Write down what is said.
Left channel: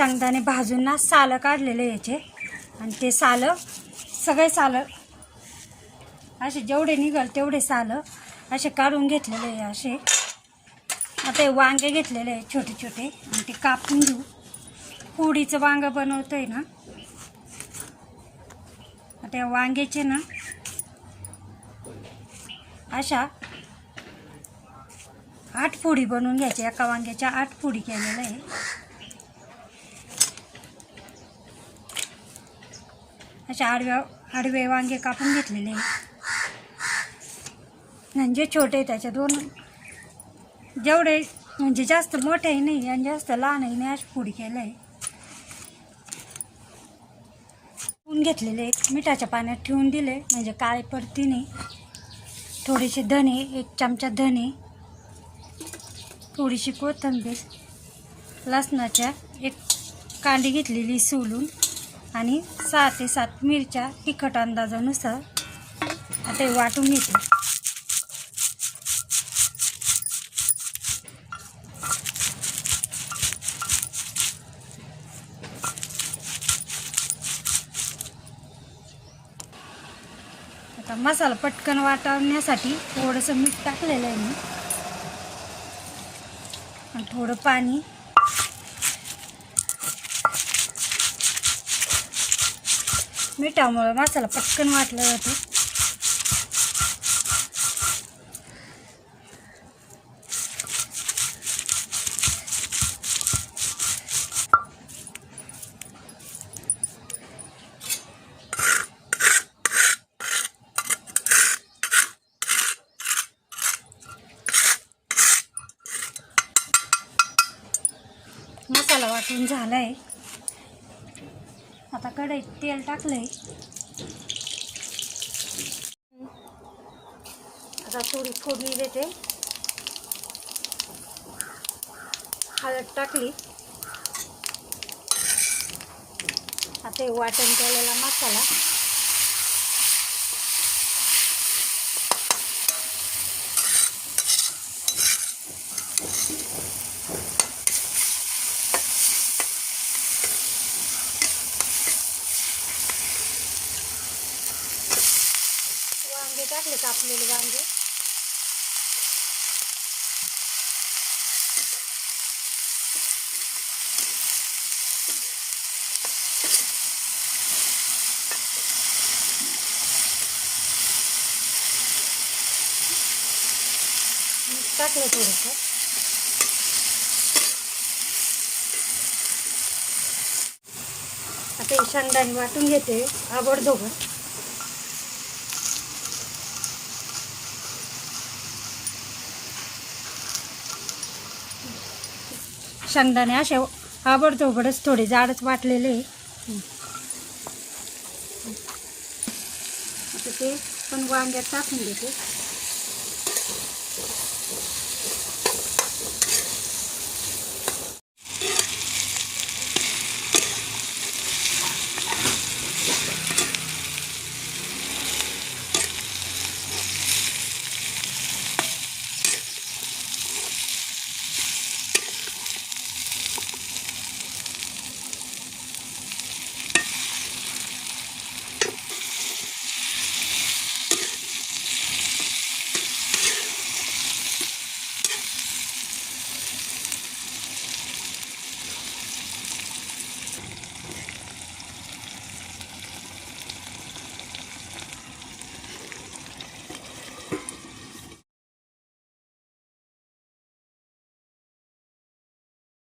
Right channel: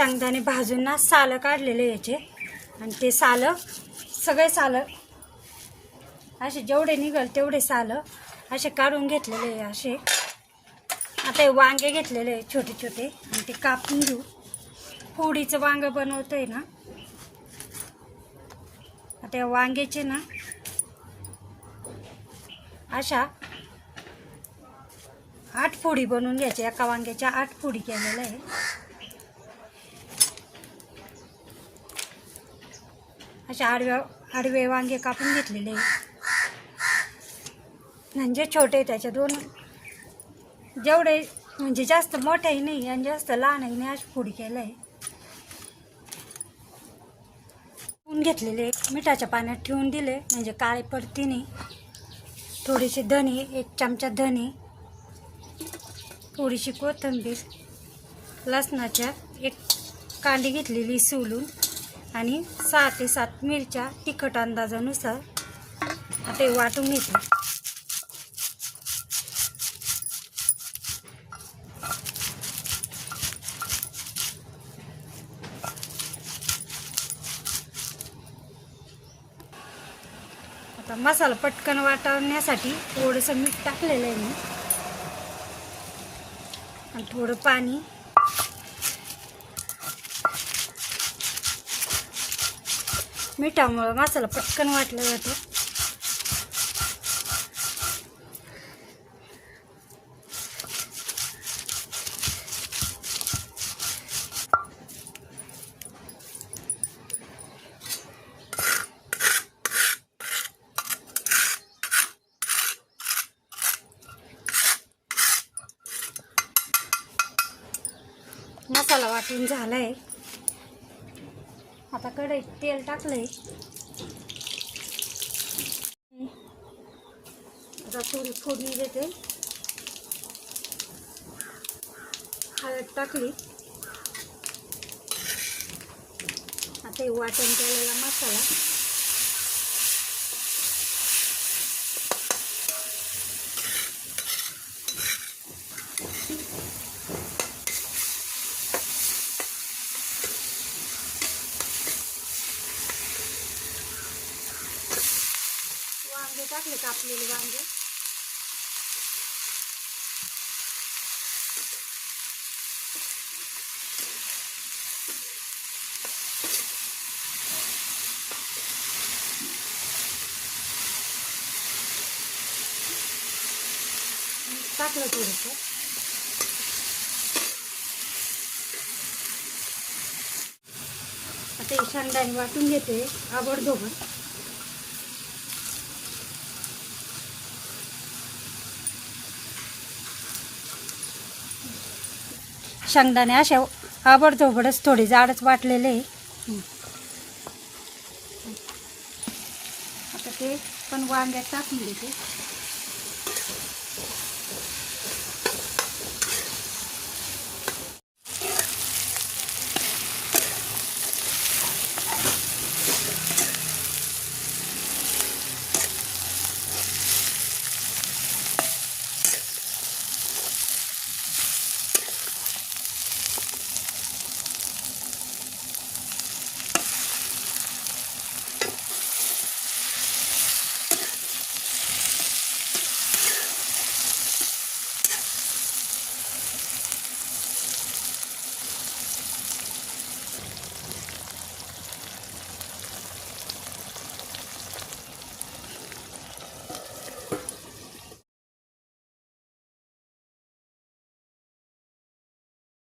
शेंगदाणे भाजून ना सालं काढलेले याचे, आणि ते सालं सगळे सालं असे जेवढे निघाल तेवढे सालं असे काढून घेतलेले आहे असे. आता हे वांगे घेतलेले आहे छोटे छोटे, आणि ते कापून घेऊ. फोडीचं वांगं बनवतो आहे ना. आता या वांग्याचे ना अशा 8 फोडी बनवून घ्यायच्या. एका वांग्याच्या 8 फोडी केलेल्या आहे. अशा आडवे वांगे कापून घेतलेले आहे, म्हणजे छोटे त्याच्या दोन, जेवढे म्हणजे जास्त मोठेही नाही आणि जास्त लहानही नाही अशी फोडी केलं आहे. घेतलेले मिठाच्या पाण्यात ठेवून दिले म्हणजे काळे पडती नाही. थोडेसे धने, 1 चमचा धने, थोडीशी कोथिंबीर, लसणाच्या 1 कांडी घेतलेली सोलून, आणि 6 ते 7 मिरच्या तिखट अंदाजानुसार. आता हे वाटून घेते. आता मसाला पटकन वाटण्यासाठी थोडंसं मीठ टाकलेलं आहे मी, आणि थोडं पाणी. मिठामुळे मसाला पटकन वाटला जातो. मसाला वाटून झाला आहे. आता कढईत तेल टाकलंय. आता थोडी फोडणी देते. हळद टाकली. आता हे वाटण केलेला मसाला, वांगे टाकले कापलेले वांगे, टाकलं थोडंसं. आता हे शेंगदाणे वाटून घेते आबडधोबड. शेंगदाणे असे आबडधोबडच थोडे जाडच वाटलेले आहे. आता ते पण वांग्यात टाकून देते.